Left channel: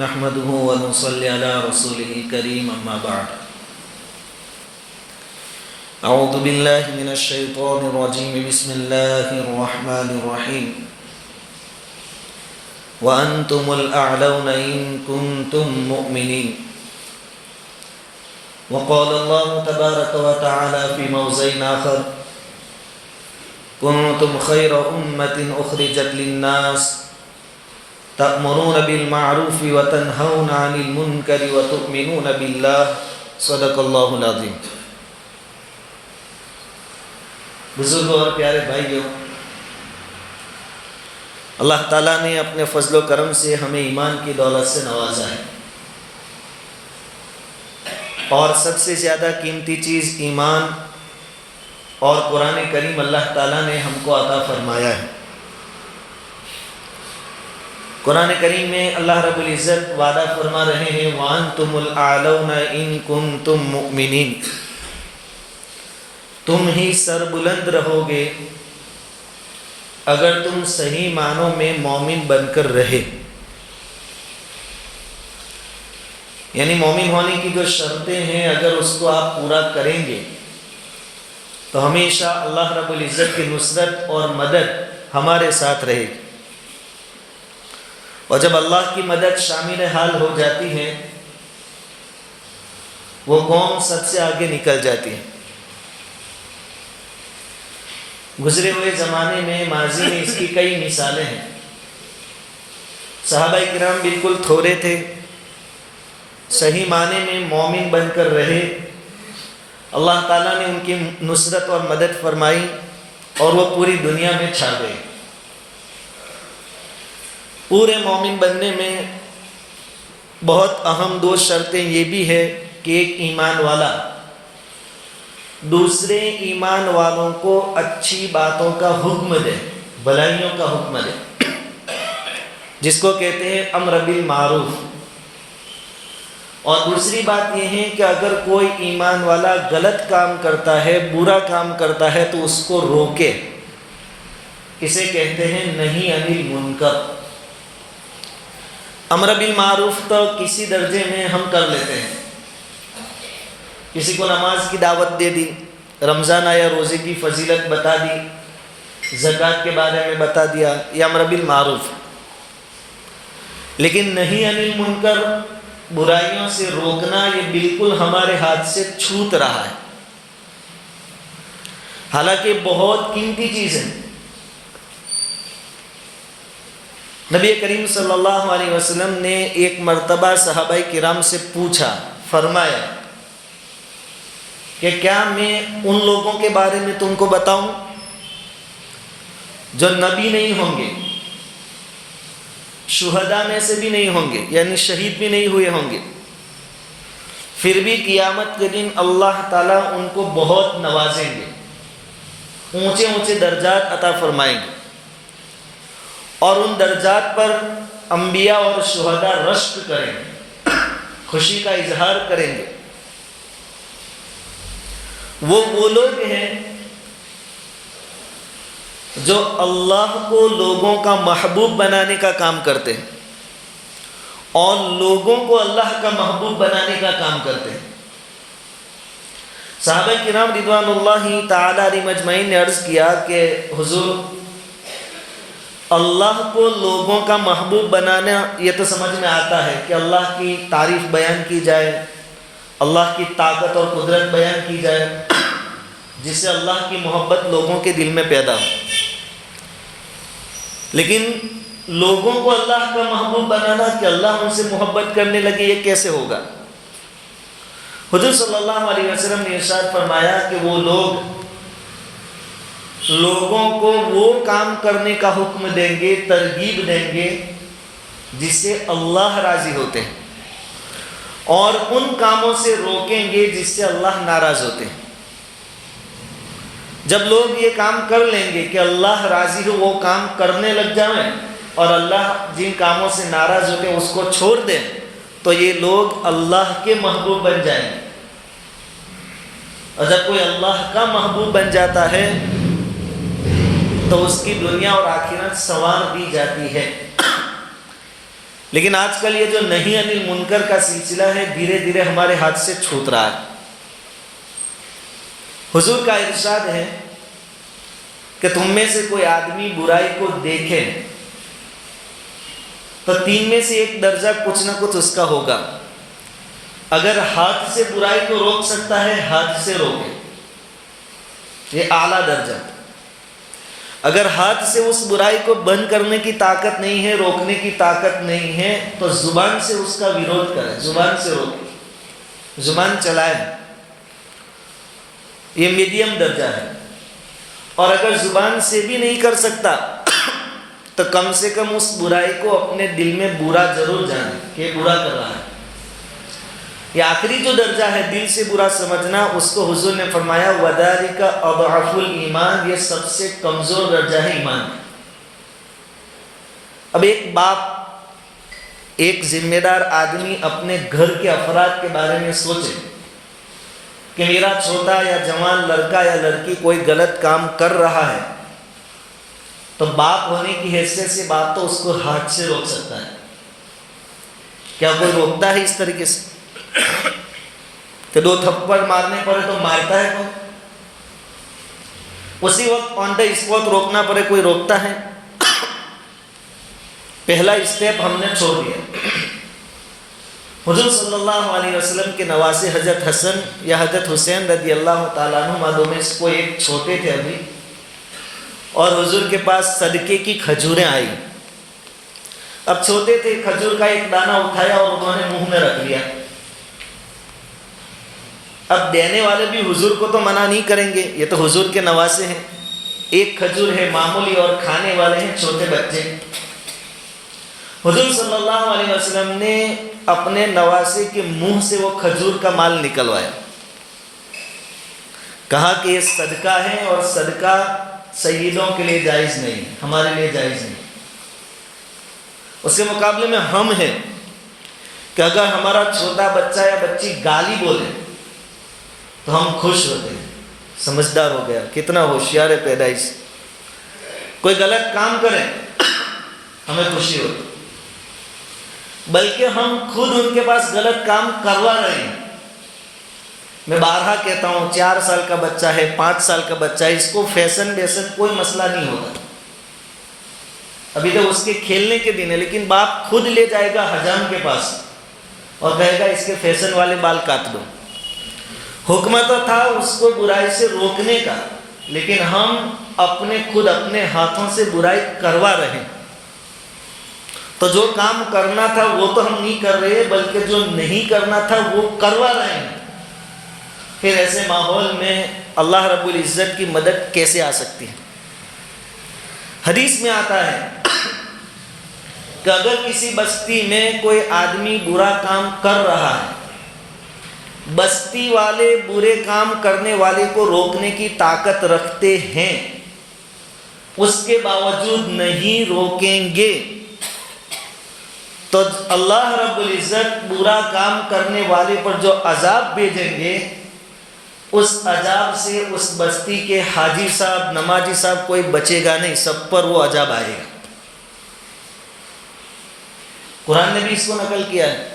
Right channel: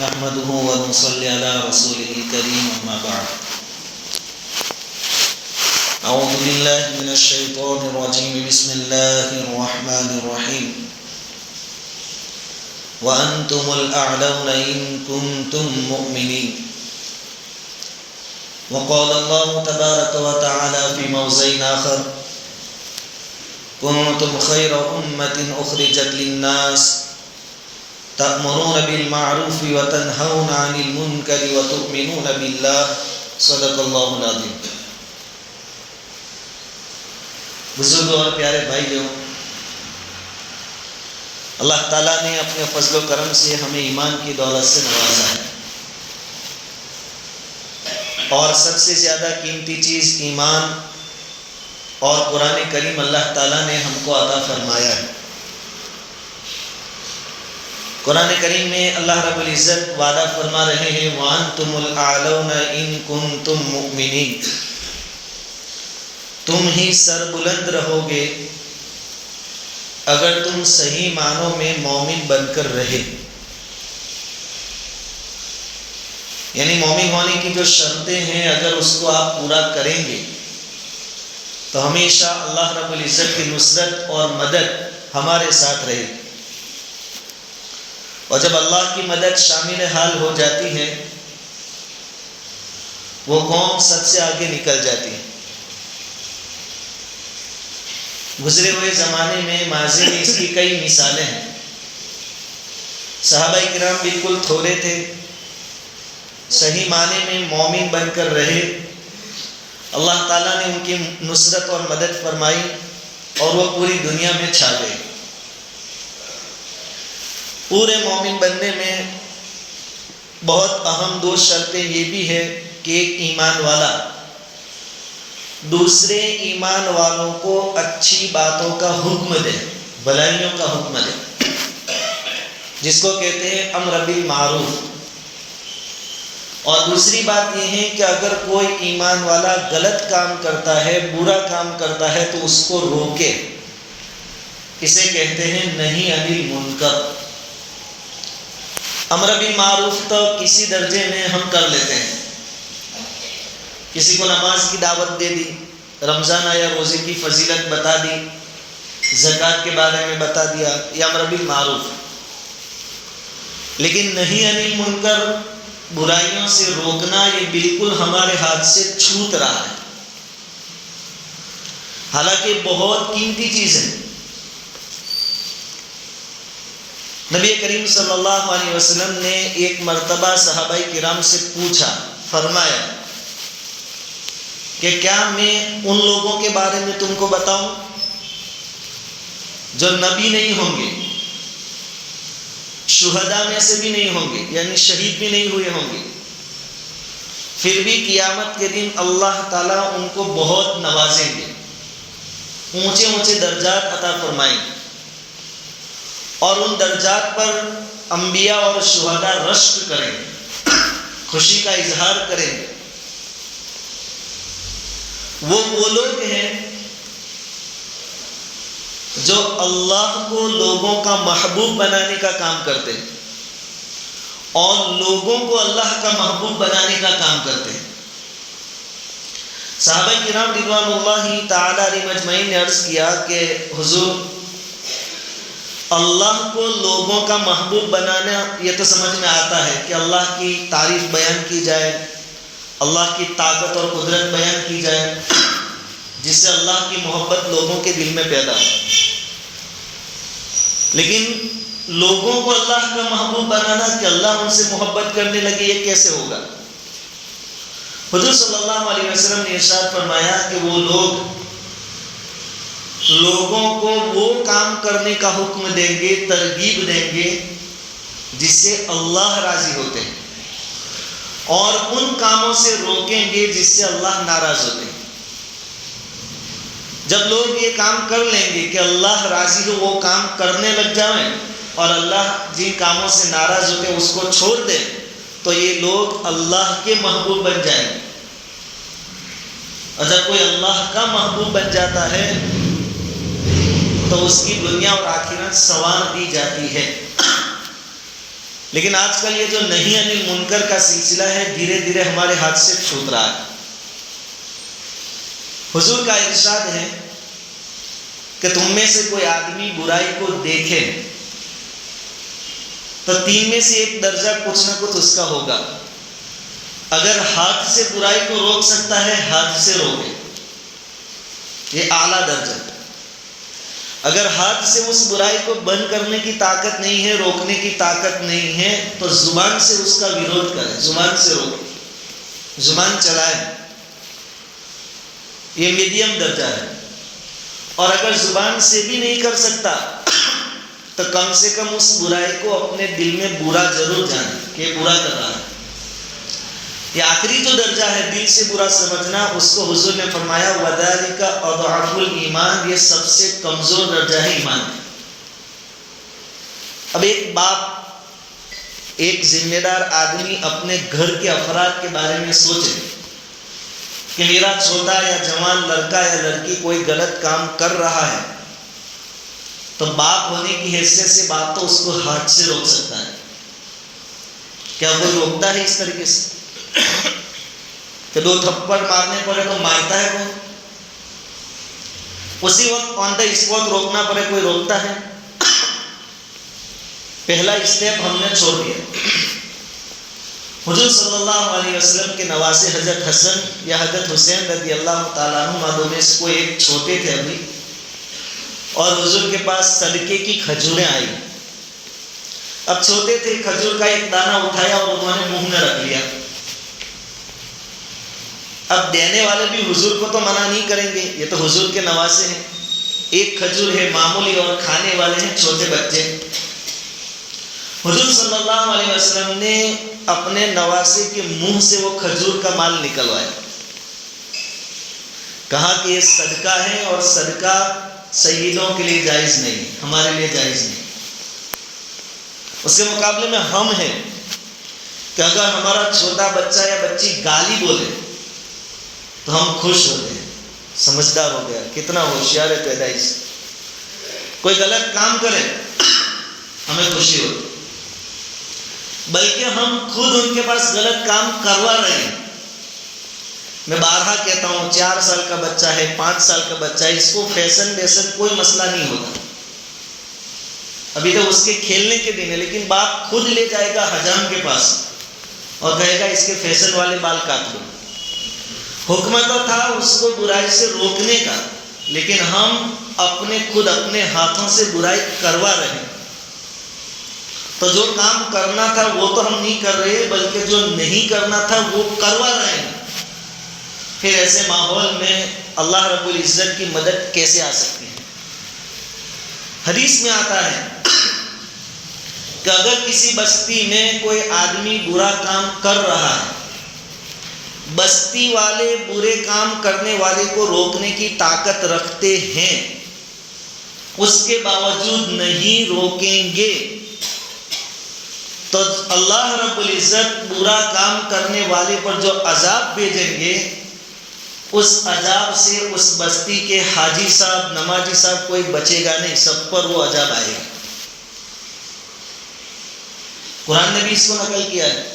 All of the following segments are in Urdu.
نحمده ونصلي على رسوله الكريم أما بعد أعوذ بالله من الشيطان الرجيم بسم الله الرحمن الرحيم وأنتم الأعلون إن كنتم مؤمنين وقال الله تبارك وتعالى في موضع آخر كنتم خير أمة أخرجت للناس تأمرون بالمعروف وتنهون عن المنكر وتؤمنون بالله صدق اللہ العظیم۔ بزرگوں اور پیارے بھائیوں، اللہ تعالیٰ نے اپنے فضل و کرم سے ہمیں ایمان کی دولت سے نوازا ہے، اور سب سے زیادہ قیمتی چیز ایمان اور قرآن کریم اللہ تعالیٰ نے ہم کو عطا فرمایا ہے۔ قرآن کریم میں اللہ رب العزت وعدہ فرما رہے ہیں وَأَنْتُمُ الْأَعْلَوْنَ إِن كُنْتُم مُؤْمِنِينَ، تم ہی سر بلند رہو گے اگر تم صحیح معنوں میں مومن بن کر رہے، یعنی مومن ہونے کی جو شرطیں ہیں اگر اس کو آپ پورا کریں گے تو ہمیشہ اللہ رب العزت کی نصرت اور مدد ہمارے ساتھ رہے گی، اور جب اللہ کی مدد شامل حال ہو جاتی ہے وہ قوم سب سے آگے نکل جاتی ہے۔ گزرے ہوئے زمانے میں ماضی میں اس کی کئی مثالیں ہیں۔ صحابہ کرام بالکل تھوڑے تھے، صحیح معنی میں مومن بن کر رہے، اللہ تعالیٰ نے ان کی نصرت اور مدد فرمائی اور وہ پوری دنیا میں چھا گئے۔ پورے مومن بننے میں بہت اہم دو شرطیں یہ بھی ہے کہ ایک ایمان والا دوسرے ایمان والوں کو اچھی باتوں کا حکم دے، بھلائیوں کا حکم دے، جس کو کہتے ہیں امر بالمعروف۔ اور دوسری بات یہ ہے کہ اگر کوئی ایمان والا غلط کام کرتا ہے، برا کام کرتا ہے تو اس کو روکے، اسے کہتے ہیں نہی عن المنکر۔ امر بالمعروف تو کسی درجے میں ہم کر لیتے ہیں، کسی کو نماز کی دعوت دے دی، رمضان آیا روزے کی فضیلت بتا دی، زکوٰۃ کے بارے میں بتا دیا، یہ امر بالمعروف۔ لیکن نہی عن المنکر، برائیوں سے روکنا، یہ بالکل ہمارے ہاتھ سے چھوٹ رہا ہے، حالانکہ بہت قیمتی چیز ہے۔ نبی کریم صلی اللہ علیہ وسلم نے ایک مرتبہ صحابہ کرام سے پوچھا، فرمایا کہ کیا میں ان لوگوں کے بارے میں تم کو بتاؤں جو نبی نہیں ہوں گے، شہداء میں سے بھی نہیں ہوں گے، یعنی شہید بھی نہیں ہوئے ہوں گے، پھر بھی قیامت کے دن اللہ تعالیٰ ان کو بہت نوازیں گے، اونچے اونچے درجات عطا فرمائیں گے، اور ان درجات پر انبیاء اور شہداء رشک کریں گے، خوشی کا اظہار کریں گے۔ وہ لوگ ہیں جو اللہ کو لوگوں کا محبوب بنانے کا کام کرتے ہیں اور لوگوں کو اللہ کا محبوب بنانے کا کام کرتے ہیں۔ صحابہ کرام رضوان اللہ تعالی علیہم اجمعین نے عرض کیا کہ حضور، اللہ کو لوگوں کا محبوب بنانا یہ تو سمجھ میں آتا ہے کہ اللہ کی تعریف بیان کی جائے، اللہ کی طاقت اور قدرت بیان کی جائے، جس سے اللہ کی محبت لوگوں کے دل میں پیدا ہو، لیکن لوگوں کو اللہ کا محبوب بنانا کہ اللہ ان سے محبت کرنے لگے، یہ کیسے ہوگا؟ حضور صلی اللہ علیہ وسلم نے ارشاد فرمایا کہ وہ لوگ لوگوں کو وہ کام کرنے کا حکم دیں گے، ترغیب دیں گے جس سے اللہ راضی ہوتے ہیں، اور ان کاموں سے روکیں گے جس سے اللہ ناراض ہوتے ہیں۔ جب لوگ یہ کام کر لیں گے کہ اللہ راضی ہو، وہ کام کرنے لگ جائیں، اور اللہ جن کاموں سے ناراض ہوتے ہیں اس کو چھوڑ دیں، تو یہ لوگ اللہ کے محبوب بن جائیں گے۔ اور جب کوئی اللہ کا محبوب بن جاتا ہے تو اس کی دنیا اور آخرت سنوار دی جاتی ہے۔ لیکن آج کل یہ جو نہی عن المنکر کا سلسلہ ہے دھیرے دھیرے ہمارے ہاتھ سے چھوٹ رہا ہے۔ حضور کا ارشاد ہے کہ تم میں سے کوئی آدمی برائی کو دیکھے تو 3 میں سے 1 درجہ کچھ نہ کچھ اس کا ہوگا۔ اگر ہاتھ سے برائی کو روک سکتا ہے ہاتھ سے روکے، یہ اعلیٰ درجہ۔ اگر ہاتھ سے اس برائی کو بند کرنے کی طاقت نہیں ہے، روکنے کی طاقت نہیں ہے، تو زبان سے اس کا ویرودھ کرے، زبان سے روکے، زبان چلائے، یہ میڈیم درجہ ہے۔ اور اگر زبان سے بھی نہیں کر سکتا تو کم سے کم اس برائی کو اپنے دل میں برا ضرور جانے کہ یہ برا کر رہا ہے۔ یہ آخری جو درجہ ہے دل سے برا سمجھنا، اس کو حضور نے فرمایا وَذَلِكَ أَضْعَفُ الْإِيمَانِ، یہ سب سے کمزور درجہ ہے ایمان۔ اب ایک باپ، ایک ذمہ دار آدمی اپنے گھر کے افراد کے بارے میں سوچے کہ میرا چھوٹا یا جوان لڑکا یا لڑکی کوئی غلط کام کر رہا ہے، تو باپ ہونے کی حیثیت سے باپ تو اس کو ہاتھ سے روک سکتا ہے۔ کیا کوئی روکتا ہے اس طریقے سے کہ 2 تھپڑ مارنے پڑے تو مارتا ہے کوئی؟ اسی وقت آن دا اسپاٹ روکنا پڑے کوئی روکتا ہے؟ پہلا اسٹیپ ہم نے چھوڑ دیا۔ حضور صلی اللہ علیہ وسلم کے نواسے حضرت حسن یا حضرت حسین رضی اللہ تعالیٰ عنہ معلوم میں سے کوئی ایک چھوٹے تھے ابھی، اور حضور کے پاس صدقے کی کھجوریں آئی۔ اب چھوٹے تھے، کھجور کا ایک دانہ اٹھایا اور انہوں نے منہ میں رکھ لیا۔ اب دینے والے بھی حضور کو تو منع نہیں کریں گے، یہ تو حضور کے نواسے ہیں، ایک کھجور ہے معمولی اور کھانے والے ہیں چھوٹے بچے۔ حضور صلی اللہ علیہ وسلم نے اپنے نواسے کے منہ سے وہ کھجور کا مال نکلوایا، کہا کہ یہ صدقہ ہے اور صدقہ سیدوں کے لیے جائز نہیں، ہمارے لیے جائز نہیں۔ اس کے مقابلے میں ہم ہیں کہ اگر ہمارا چھوٹا بچہ یا بچی گالی بولے تو ہم خوش ہوتے ہیں، سمجھدار ہو گیا، کتنا ہوشیار ہے پیدائش سے۔ کوئی غلط کام کرے ہمیں خوشی ہوتی، بلکہ ہم خود ان کے پاس غلط کام کروا رہے ہیں۔ میں بارہا کہتا ہوں 4 سال کا بچہ ہے، 5 سال کا بچہ ہے، اس کو فیشن کوئی مسئلہ نہیں ہوتا، ابھی تو اس کے کھیلنے کے دن ہے، لیکن باپ خود لے جائے گا حجام کے پاس اور کہے گا اس کے فیشن والے بال کاٹ دو۔ حکم تو تھا اس کو برائی سے روکنے کا، لیکن ہم خود اپنے ہاتھوں سے برائی کروا رہے ہیں۔ تو جو کام کرنا تھا وہ تو ہم نہیں کر رہے، بلکہ جو نہیں کرنا تھا وہ کروا رہے ہیں۔ پھر ایسے ماحول میں اللہ رب العزت کی مدد کیسے آ سکتی ہے؟ حدیث میں آتا ہے کہ اگر کسی بستی میں کوئی آدمی برا کام کر رہا ہے، بستی والے برے کام کرنے والے کو روکنے کی طاقت رکھتے ہیں، اس کے باوجود نہیں روکیں گے، تو اللہ رب العزت برا کام کرنے والے پر جو عذاب بھیجیں گے، اس عذاب سے اس بستی کے حاجی صاحب، نمازی صاحب کوئی بچے گا نہیں، سب پر وہ عذاب آئے گا۔ قرآن نے بھی اس کو نقل کیا ہے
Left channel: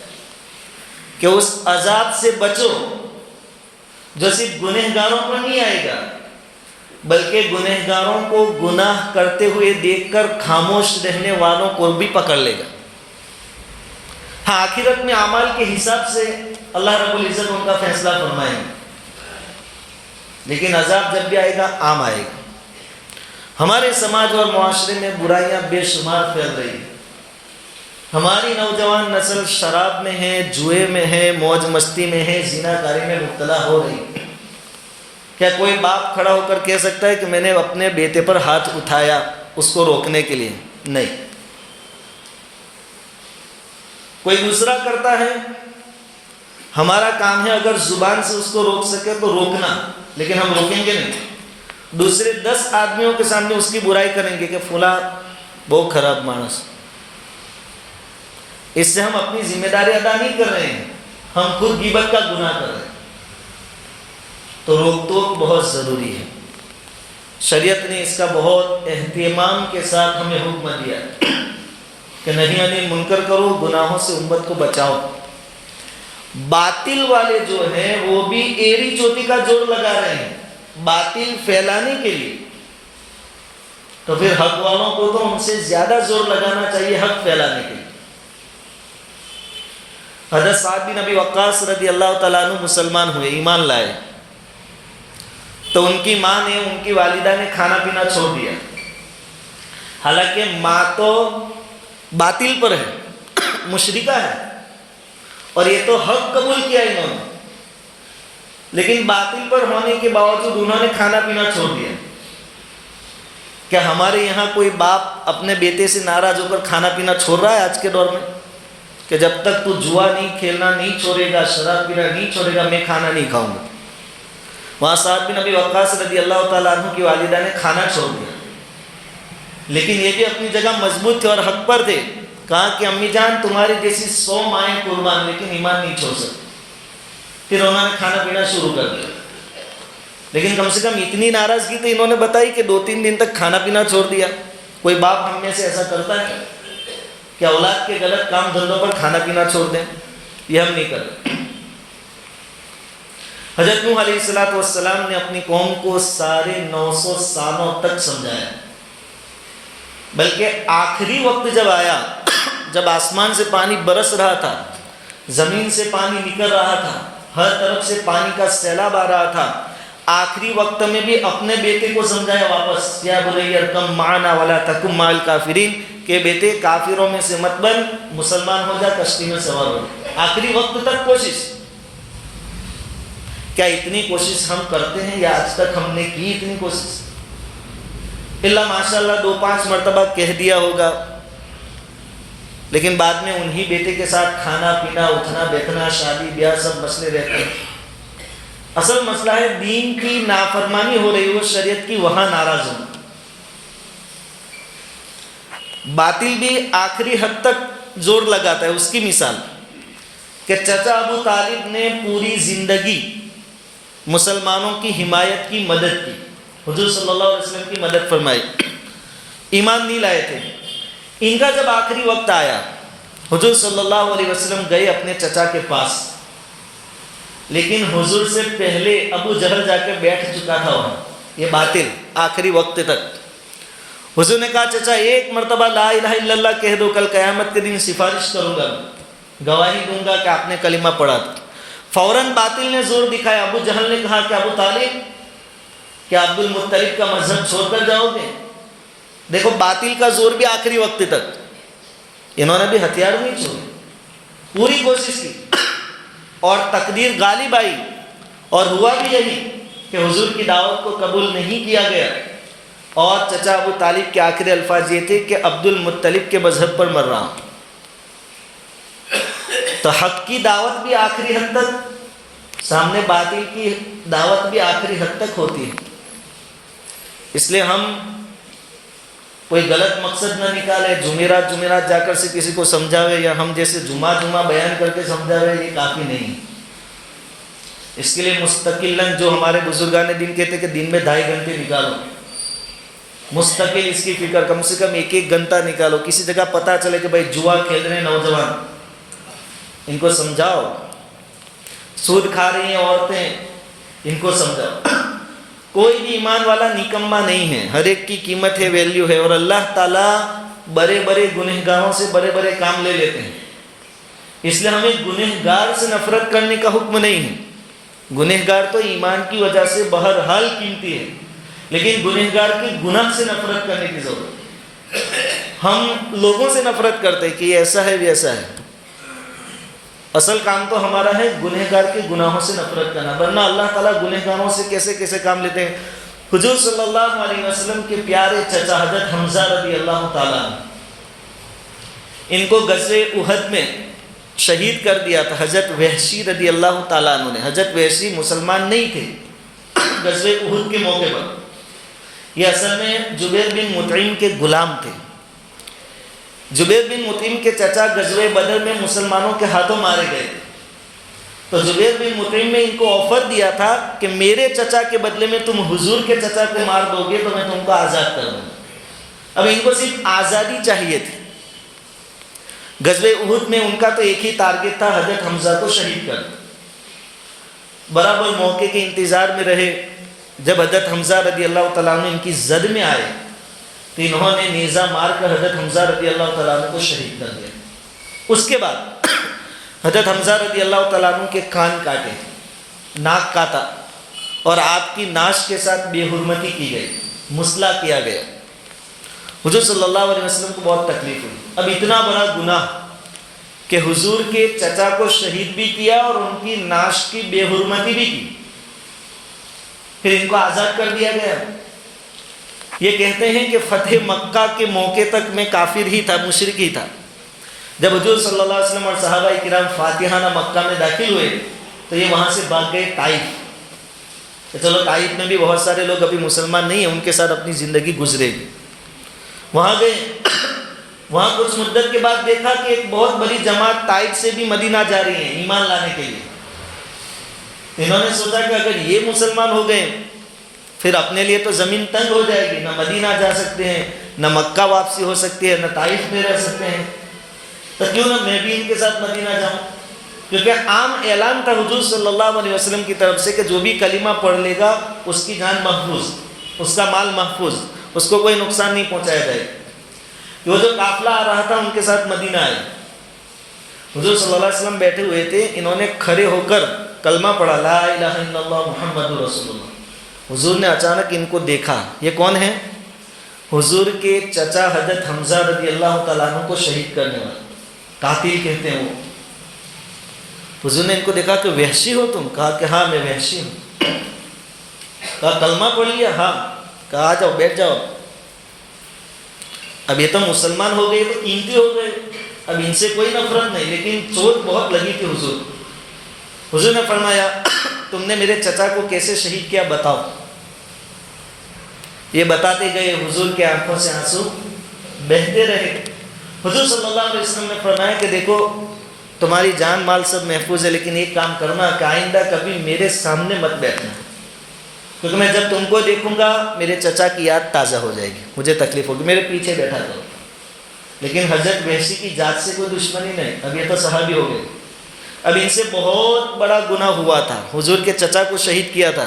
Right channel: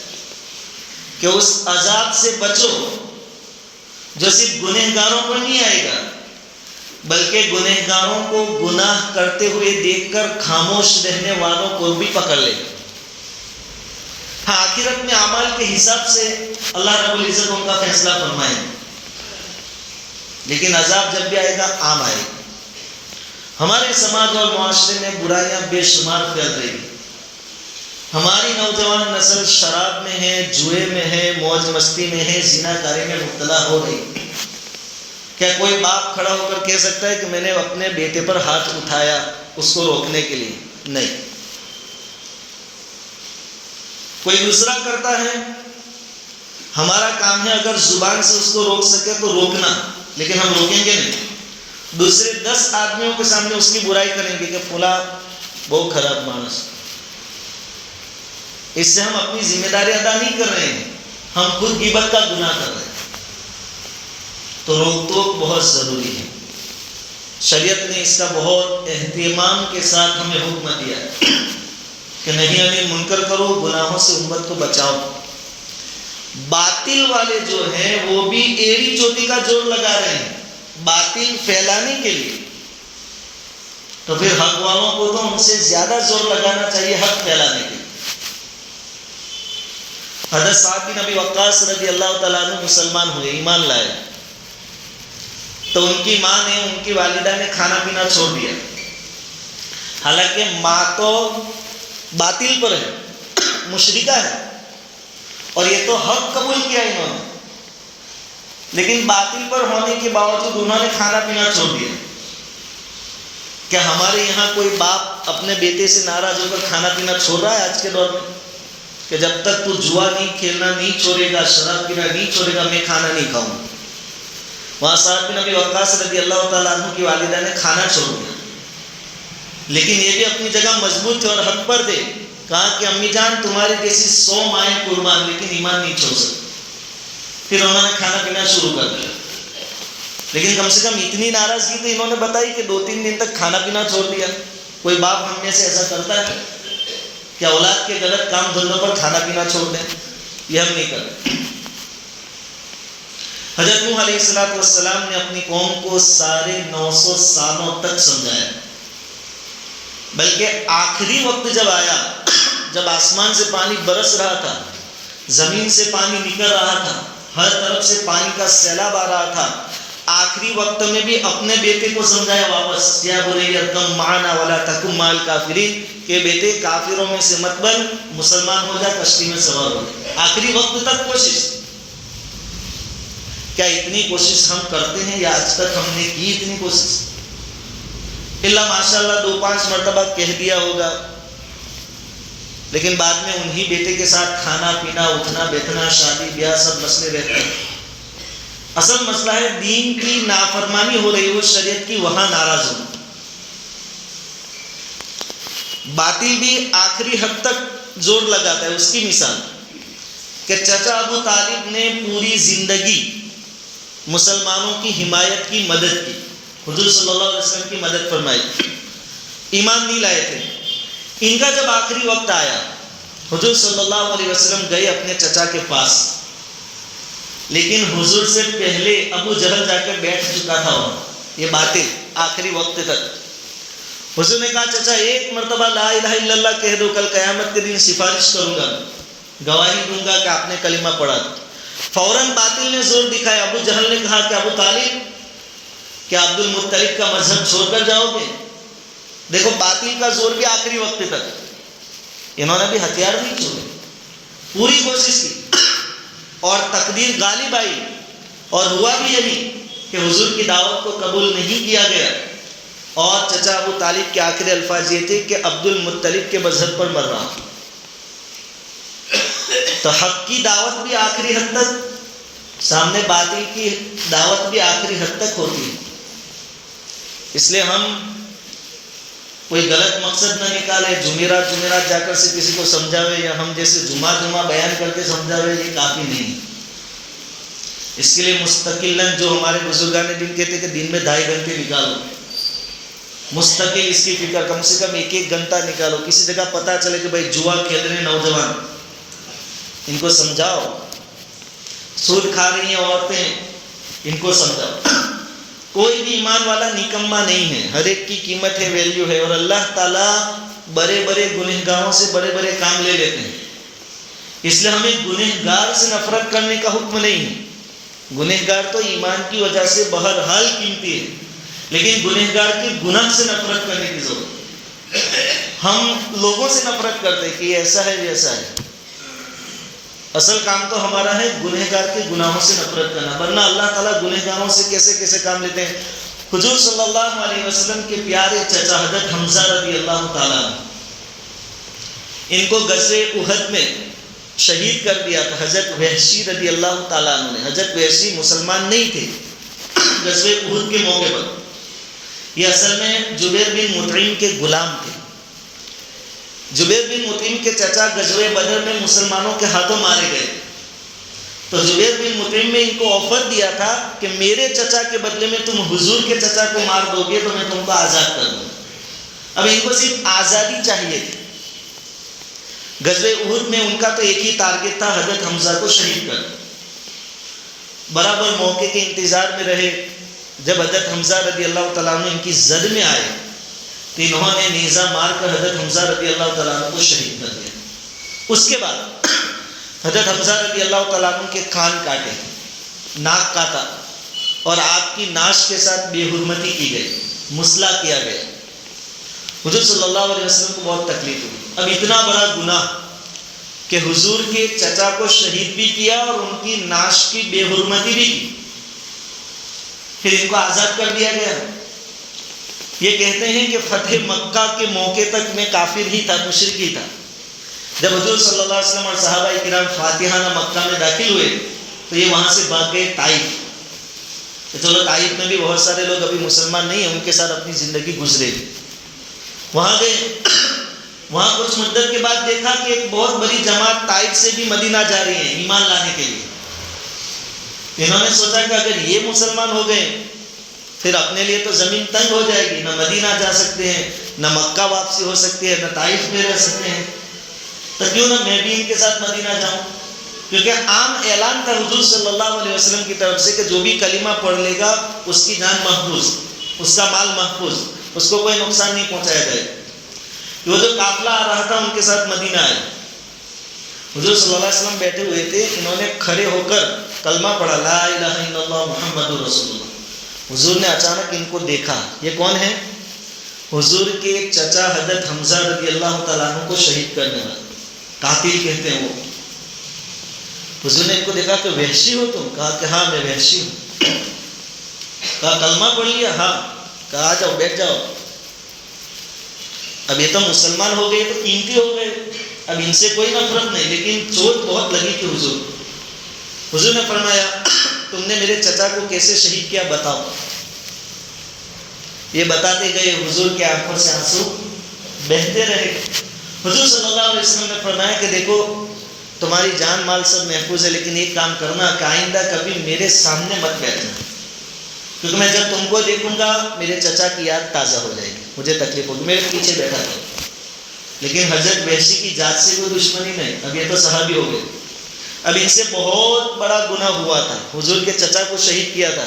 کہ اس عذاب سے بچو جو صرف گنہگاروں پر نہیں آئے گا، بلکہ گنہگاروں کو گناہ کرتے ہوئے دیکھ کر خاموش رہنے والوں کو بھی پکڑ لے گا۔ ہاں، آخرت میں اعمال کے حساب سے اللہ رب العزت ان کا فیصلہ فرمائیں گے، لیکن عذاب جب بھی آئے گا عام آئے گا۔ ہمارے سماج اور معاشرے میں برائیاں بے شمار پھیل رہی ہیں۔ ہماری نوجوان نسل شراب میں ہے، جوئے میں ہے، موج مستی میں ہے، زنا کاری میں مبتلا ہو رہی ہے۔ کیا کوئی باپ کھڑا ہو کر کہہ سکتا ہے کہ میں نے اپنے بیٹے پر ہاتھ اٹھایا اس کو روکنے کے لیے؟ نہیں۔ کوئی دوسرا کرتا ہے، ہمارا کام ہے اگر زبان سے اس کو روک سکے تو روکنا، لیکن ہم روکیں گے نہیں۔ دوسرے 10 آدمیوں کے سامنے اس کی برائی کریں گے کہ فلاں بہت خراب مانس۔ اس سے ہم اپنی ذمہ داری ادا نہیں کر رہے ہیں، ہم خود غیبت کا گناہ کر رہے ہیں۔ تو روک ٹوک بہت ضروری ہے۔ شریعت نے اس کا بہت اہتمام کے ساتھ ہمیں حکم دیا ہے۔ کہ نہیں علی منکر کرو، گناہوں سے امت کو بچاؤ۔ باطل والے جو ہیں وہ بھی ایڑی چوٹی کا زور لگا رہے ہیں باطل پھیلانے کے لیے، تو پھر حق والوں کو تو ان سے زیادہ زور لگانا چاہیے حق پھیلانے کے لیے۔ حضرت سعد بن ابی وقاص رضی اللہ تعالیٰ عنہ مسلمان ہوئے، ایمان لائے، تو ان کی ماں نے، ان کی والدہ نے کھانا پینا چھوڑ دیا، حالانکہ ماں تو باطل پر ہے، مشرکہ ہے، اور یہ تو حق قبول کیا انہوں نے، لیکن باطل پر ہونے کے باوجود انہوں نے کھانا پینا چھوڑ دیا۔ کیا ہمارے یہاں کوئی باپ اپنے بیٹے سے ناراض ہو کر کھانا پینا چھوڑ رہا ہے آج کے دور میں، کہ جب تک تو جوا نہیں کھیلنا نہیں چھوڑے گا، شراب پینا نہیں چھوڑے گا، میں کھانا نہیں کھاؤں گا؟ وہاں سعد بن ابی وقاص رضی اللہ تعالیٰ عنہ کی والدہ نے کھانا چھوڑ دیا، لیکن یہ بھی اپنی جگہ مضبوط تھے اور حق پر تھے۔ کہا کہ امی جان تمہاری جیسی 100 مائیں قربان، لیکن ایمان نہیں چھوڑ سکتے۔ پھر انہوں نے کھانا پینا شروع کر دیا، لیکن کم سے کم اتنی ناراضگی تو انہوں نے بتائی کہ 2-3 دن تک کھانا پینا چھوڑ دیا۔ کوئی باپ ہم میں سے ایسا کرتا ہے کہ اولاد کے غلط کام دھندوں پر کھانا پینا چھوڑ دیں؟ یہ ہم نہیں کرتے۔ حضرت نوح علیہ السلام نے اپنی قوم کو سارے 900 سالوں تک سمجھایا، بلکہ آخری وقت جب آیا، جب آسمان سے پانی برس رہا تھا، زمین سے پانی نکل رہا تھا، ہر طرف سے پانی کا سیلاب آ رہا تھا، آخری وقت میں بھی اپنے بیٹے کو سمجھایا واپس، یا بنی ارکم معنا ولا تکن مع الکافرین، کہ بیٹے کافروں میں سے مت بن، مسلمان ہو جا، کشتی میں سوار ہو۔ آخری وقت تک کوشش۔ کیا اتنی کوشش ہم کرتے ہیں، یا آج تک ہم نے کی اتنی کوشش؟ اللہ ماشاءاللہ 2-5 مرتبہ کہہ دیا ہوگا، لیکن بعد میں انہی بیٹے کے ساتھ کھانا پینا، اٹھنا بیٹھنا، شادی بیاہ سب مسئلے رہتے ہیں۔ اصل مسئلہ ہے دین کی نافرمانی ہو رہی ہو، شریعت کی، وہاں ناراض ہو۔ باطل بھی آخری حد تک زور لگاتا ہے۔ اس کی مثال کہ چچا ابو طالب نے پوری زندگی مسلمانوں کی حمایت کی، مدد کی، حضور صلی اللہ علیہ وسلم کی مدد فرمائی، ایمان نہیں لائے تھے۔ ان کا جب آخری وقت آیا، حضور صلی اللہ علیہ وسلم گئے اپنے چچا کے پاس، لیکن حضور سے پہلے ابو جہل جا کے بیٹھ چکا تھا وہاں، یہ باطل آخری وقت تک۔ حضور نے کہا چچا ایک مرتبہ لا الہ الا اللہ کہہ دو، کل قیامت کے دن سفارش کروں گا، گواہی دوں گا کہ آپ نے کلمہ پڑھا۔ فوراً باطل نے زور دکھایا۔ ابو جہل نے کہا کہ ابو طالب کیا عبد المطلب کا مذہب چھوڑ کر جاؤ گے؟ دیکھو باطل کا زور بھی آخری وقت تک، انہوں نے بھی ہتھیار نہیں چھوڑے، پوری کوشش کی، اور تقدیر غالب آئی، اور ہوا بھی یہی کہ حضور کی دعوت کو قبول نہیں کیا گیا، اور چچا ابو طالب کے آخری الفاظ یہ تھے کہ عبد المطلب کے مذہب پر مر رہا ہوں۔ تو حق کی دعوت بھی آخری حد تک، سامنے باطل کی دعوت بھی آخری حد تک ہوتی ہے۔ اس لیے ہم کوئی غلط مقصد نہ نکالے، جمعرات جا کر سے کسی کو سمجھاوے، یا ہم جیسے جمعہ بیان کر کے سمجھاوے، یہ کافی نہیں ہے۔ اس کے لیے مستقلاً جو ہمارے بزرگان دین کہتے کہ دن میں 2.5 گھنٹے نکالو، مستقل اس کی فکر، کم سے کم 1 گھنٹہ نکالو۔ کسی جگہ پتہ چلے کہ بھائی جوا کھیل رہے ہیں نوجوان، ان کو سمجھاؤ، سود کھا رہی ہیں عورتیں، ان کو سمجھاؤ۔ کوئی بھی ایمان والا نکما نہیں ہے، ہر ایک کی قیمت ہے، ویلیو ہے، اور اللہ تعالیٰ بڑے بڑے گنہگاروں سے بڑے بڑے کام لے لیتے ہیں۔ اس لیے ہمیں گنہگار سے نفرت کرنے کا حکم نہیں ہے۔ گنہگار تو ایمان کی وجہ سے بہرحال قیمتی ہے، لیکن گنہگار کے گناہ سے نفرت کرنے کی ضرورت ہے۔ ہم لوگوں سے نفرت کرتے کہ یہ ایسا ہے، یہ ایسا ہے۔ اصل کام تو ہمارا ہے گنہگار کے گناہوں سے نفرت کرنا، ورنہ اللہ تعالیٰ گنہگاروں سے کیسے کیسے کام لیتے ہیں۔ حضور صلی اللہ علیہ وسلم کے پیارے چچا حضرت حمزہ رضی اللہ تعالیٰ عنہ، ان کو غزوہ احد میں شہید کر دیا تھا حضرت وحشی رضی اللہ تعالیٰ عنہ نے۔ حضرت وحشی مسلمان نہیں تھے غزوہ احد کے موقع پر، یہ اصل میں جبیر بن مطعم کے غلام تھے۔ جبیر بن مطعم کے چچا غزوہ بدر میں مسلمانوں کے ہاتھوں مارے گئے، تو جبیر بن مطعم نے ان کو آفر دیا تھا کہ میرے چچا کے بدلے میں تم حضور کے چچا کو مار دو گے تو میں تم کو آزاد کر دوں گا۔ اب ان کو صرف آزادی چاہیے تھی، غزوہ احد میں ان کا تو ایک ہی ٹارگٹ تھا، حضرت حمزہ کو شہید کر. برابر موقع کے انتظار میں رہے. جب حضرت حمزہ رضی اللہ تعالیٰ عنہ ان کی زد میں آئے تو انہوں نے نیزہ مار کر حضرت حمزہ رضی اللہ تعالیٰ عنہ کو شہید کر دیا. اس کے بعد حضرت حمزہ رضی اللہ تعالیٰ عنہ کے کان کاٹے، ناک کاٹا، اور آپ کی ناش کے ساتھ بے حرمتی کی گئی، مسئلہ کیا گیا. حضور صلی اللہ علیہ وسلم کو بہت تکلیف ہوئی. اب اتنا بڑا گناہ کہ حضور کے چچا کو شہید بھی کیا اور ان کی ناش کی بے حرمتی بھی کی، پھر ان کو آزاد کر دیا گیا. یہ کہتے ہیں کہ فتح مکہ کے موقع تک میں کافر ہی تھا، مشرک ہی تھا. جب حضور صلی اللہ علیہ وسلم اور صحابہ کرام فاتحانہ مکہ میں داخل ہوئے تو یہ وہاں سے بھاگ گئے طائف. چلو طائف میں بھی بہت سارے لوگ ابھی مسلمان نہیں ہیں، ان کے ساتھ اپنی زندگی گزرے. وہاں گئے، وہاں کچھ مدت کے بعد دیکھا کہ ایک بہت بڑی جماعت طائف سے بھی مدینہ جا رہی ہے ایمان لانے کے لیے. انہوں نے سوچا کہ اگر یہ مسلمان ہو گئے پھر اپنے لیے تو زمین تنگ ہو جائے گی، نہ مدینہ جا سکتے ہیں، نہ مکہ واپسی ہو سکتی ہے، نہ طائف میں رہ سکتے ہیں، تو کیوں نہ میں بھی ان کے ساتھ مدینہ جاؤں. کیونکہ عام اعلان تھا حضور صلی اللہ علیہ وسلم کی طرف سے کہ جو بھی کلمہ پڑھ لے گا اس کی جان محفوظ، اس کا مال محفوظ، اس کو کوئی نقصان نہیں پہنچایا جائے. وہ جو قافلہ آ رہا تھا ان کے ساتھ مدینہ آئے. حضور صلی اللہ علیہ وسلم بیٹھے ہوئے تھے، انہوں نے کھڑے ہو کر کلمہ پڑھا، لا الہ الا اللہ محمد رسول اللہ. حضور نے اچانک ان کو دیکھا، یہ کون ہے؟ حضور کے چچا حضرت حمزہ رضی اللہ تعالیٰ عنہ کو شہید کرنے والا، قاتل کہتے ہیں وہ. حضور نے ان کو دیکھا کہ وحشی ہو تم؟ کہا کہ ہاں میں وحشی ہوں. کہا کلمہ پڑھ لیا؟ ہاں. کہا آ جاؤ بیٹھ جاؤ. اب یہ تو مسلمان ہو گئے تو قیمتی ہو گئے، اب ان سے کوئی نفرت نہیں، لیکن چوٹ بہت لگی تھی حضور. حضور نے فرمایا تم نے میرے چچا کو کیسے شہید کیا بتاؤ. یہ بتاتے گئے، حضور کے آنکھوں سے آنسو بہتے رہے. حضور صلی اللہ علیہ وسلم نے فرمایا کہ دیکھو تمہاری جان مال سب محفوظ ہے، لیکن ایک کام کرنا کہ آئندہ کبھی میرے سامنے مت بیٹھنا، کیونکہ میں جب تم کو دیکھوں گا میرے چچا کی یاد تازہ ہو جائے گی، مجھے تکلیف ہوگی، میرے پیچھے بیٹھا کرو. لیکن حضرت وحشی کی ذات سے کوئی دشمنی نہیں، اب یہ تو صحابی ہو گئے. اب ان سے بہت بڑا گناہ ہوا تھا، حضور کے چچا کو شہید کیا تھا.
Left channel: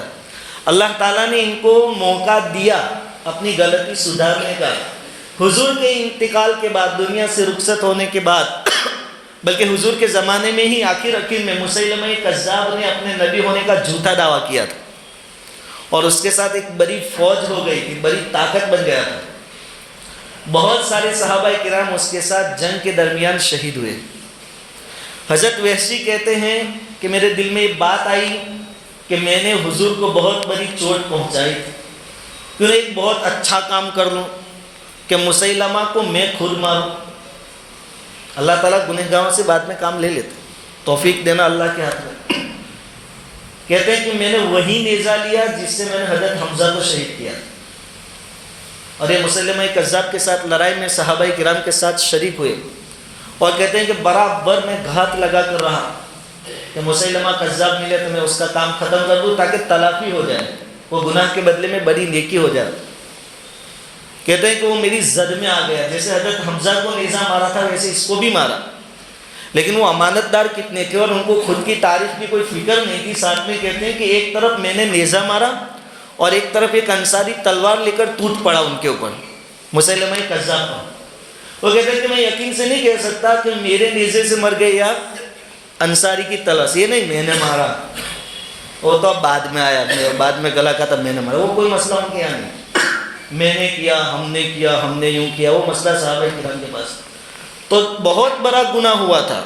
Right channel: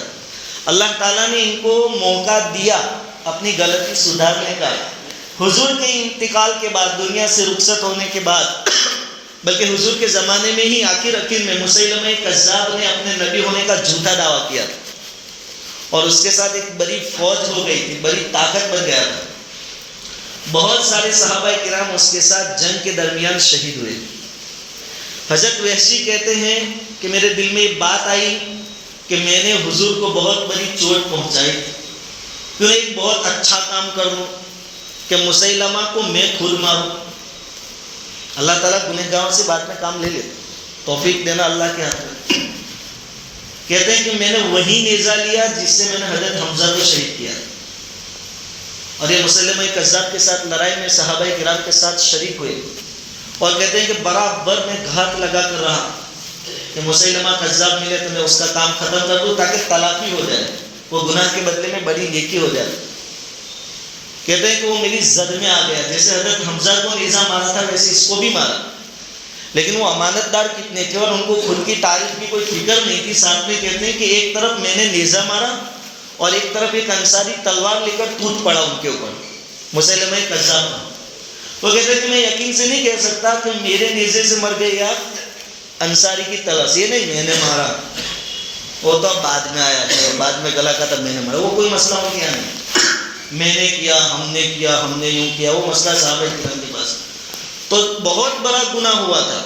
اللہ تعالیٰ نے ان کو موقع دیا اپنی غلطی سدھارنے کا. حضور کے انتقال کے بعد، دنیا سے رخصت ہونے کے بعد، بلکہ حضور کے زمانے میں ہی آخر میں مسیلمہ کذاب نے اپنے نبی ہونے کا جھوٹا دعویٰ کیا تھا، اور اس کے ساتھ ایک بڑی فوج ہو گئی تھی، بڑی طاقت بن گیا تھا. بہت سارے صحابہ کرام اس کے ساتھ جنگ کے درمیان شہید ہوئے. حضرت وحشی کہتے ہیں کہ میرے دل میں یہ بات آئی کہ میں نے حضور کو بہت بڑی چوٹ پہنچائی، کیوں ایک بہت اچھا کام کر لوں کہ مسیلمہ کو میں خود ماروں. اللہ تعالیٰ گنہگاروں سے بعد میں کام لے لیتا، توفیق دینا اللہ کے ہاتھ میں. کہتے ہیں کہ میں نے وہی نیزہ لیا جس سے میں نے حضرت حمزہ کو شہید کیا، اور یہ مسلمہ کذاب کے ساتھ لڑائی میں صحابہ کرام کے ساتھ شریک ہوئے. اور کہتے ہیں کہ برابر میں گھات لگا کر رہا کہ مسلمہ کذاب ملے تو میں اس کا کام ختم کر دوں تاکہ تلافی ہو جائے، وہ گناہ کے بدلے میں بڑی نیکی ہو جائے. کہتے ہیں کہ وہ میری زد میں آ گیا، جیسے حضرت حمزہ کو نیزہ مارا تھا ویسے اس کو بھی مارا. لیکن وہ امانت دار کتنے تھے اور ان کو خود کی تعریف کی کوئی فکر نہیں تھی. ساتھ میں کہتے ہیں کہ ایک طرف میں نے نیزہ مارا اور ایک طرف ایک انصاری تلوار لے کر ٹوٹ پڑا ان کے اوپر، مسیلمہ کذاب کا. وہ کہتے ہیں کہ میں یقین سے نہیں کہہ سکتا کہ میرے نیزے سے مر گئے یا انصاری کی تلس، یہ نہیں میں نے مارا، وہ تو اب بعد میں آیا، بعد میں گلا کا تب میں نے مارا، وہ کوئی مسئلہ ان کے یہاں نہیں. میں نے کیا، ہم نے کیا، ہم نے یوں کیا، وہ مسئلہ صحابہ کرام کے پاس. تو بہت بڑا گناہ ہوا تھا،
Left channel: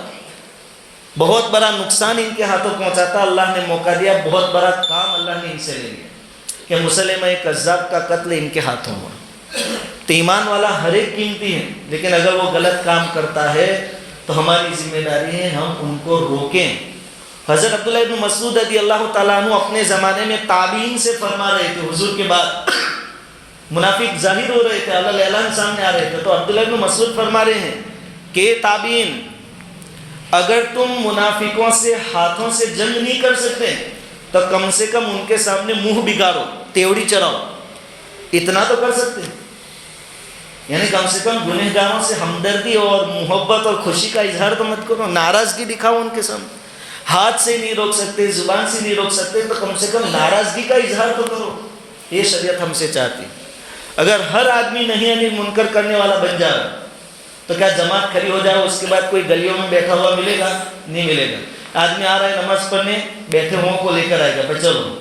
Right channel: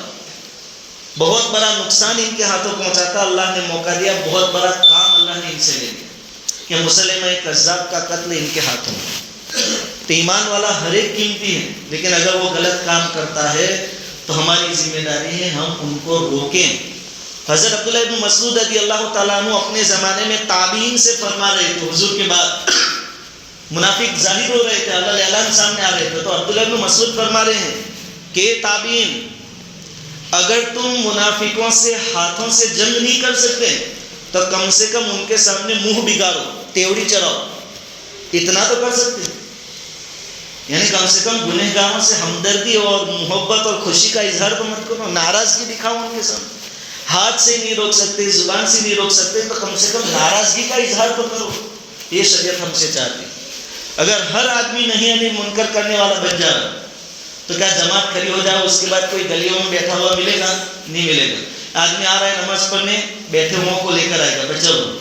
بہت بڑا نقصان ان کے ہاتھوں پہنچا تھا. اللہ نے موقع دیا، بہت بڑا کام اللہ نے ان سے لے لیا کہ مسلمہ کذاب کا قتل ان کے ہاتھوں میں. تو ایمان والا ہر ایک قیمتی ہے، لیکن اگر وہ غلط کام کرتا ہے تو ہماری ذمہ داری ہے ہم ان کو روکیں. حضرت عبداللہ ابن مسعود رضی اللہ تعالیٰ عنہ اپنے زمانے میں تابعین سے فرما رہے تھے، حضور کے بعد منافق ظاہر ہو رہے تھے، اللہ اعلان سامنے آ رہے تھے. تو عبداللہ ابن مسعود فرما رہے ہیں کہ تابعین، اگر تم منافقوں سے ہاتھوں سے جنگ نہیں کر سکتے تو کم سے کم ان کے سامنے منہ بگاڑو، تیوڑی چراؤ، اتنا تو کر سکتے. یعنی کم سے کم گنہگاروں سے ہمدردی اور محبت اور خوشی کا اظہار تو مت کرو، ناراضگی دکھاؤ ان کے سامنے. ہاتھ سے نہیں روک سکتے، زبان سے نہیں روک سکتے، تو کم سے کم ناراضگی کا اظہار تو کرو. یہ شریعت ہم سے چاہتی. اگر ہر آدمی نہیں انل منکر کرنے والا بن جائے تو کیا جماعت کھڑی ہو جائے، اس کے بعد کوئی گلیوں میں بیٹھا ہوا ملے گا؟ نہیں ملے گا. آدمی آ رہا ہے نماز پڑھنے، بیٹھے ہوں کو لے کر آئے گا. پر چلو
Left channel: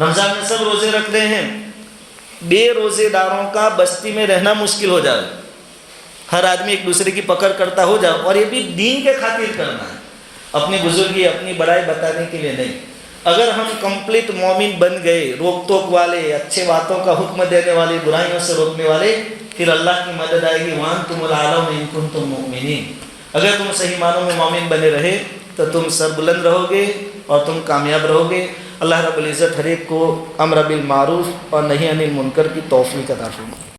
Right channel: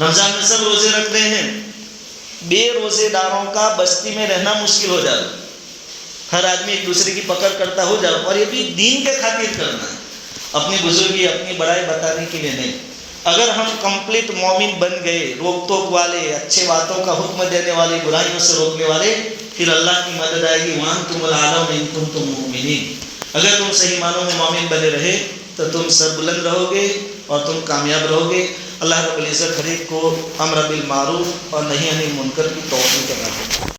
رمضان میں سب روزے رکھ رہے ہیں، بے روزے داروں کا بستی میں رہنا مشکل ہو جائے. ہر آدمی ایک دوسرے کی پکڑ کرتا ہو جائے، اور یہ بھی دین کے خاطر کرنا ہے، اپنی بزرگی اپنی بڑائی بتانے کے لیے نہیں. اگر ہم کمپلیٹ مومن بن گئے، روک ٹوک والے، اچھے باتوں کا حکم دینے والے، برائیوں سے روکنے والے، پھر اللہ کی مدد آئے گی. وَأَنْتُمُ الْأَعْلَوْنَ إِن كُنتُم مُؤْمِنِينَ. اگر تم صحیح معنوں میں مومن بنے رہے تو تم سربلند رہو گے اور تم کامیاب رہو گے. اللہ رب العزت ہر ایک کو امر بالمعروف اور نہی عن المنکر کی توفیق عطا فرمائے.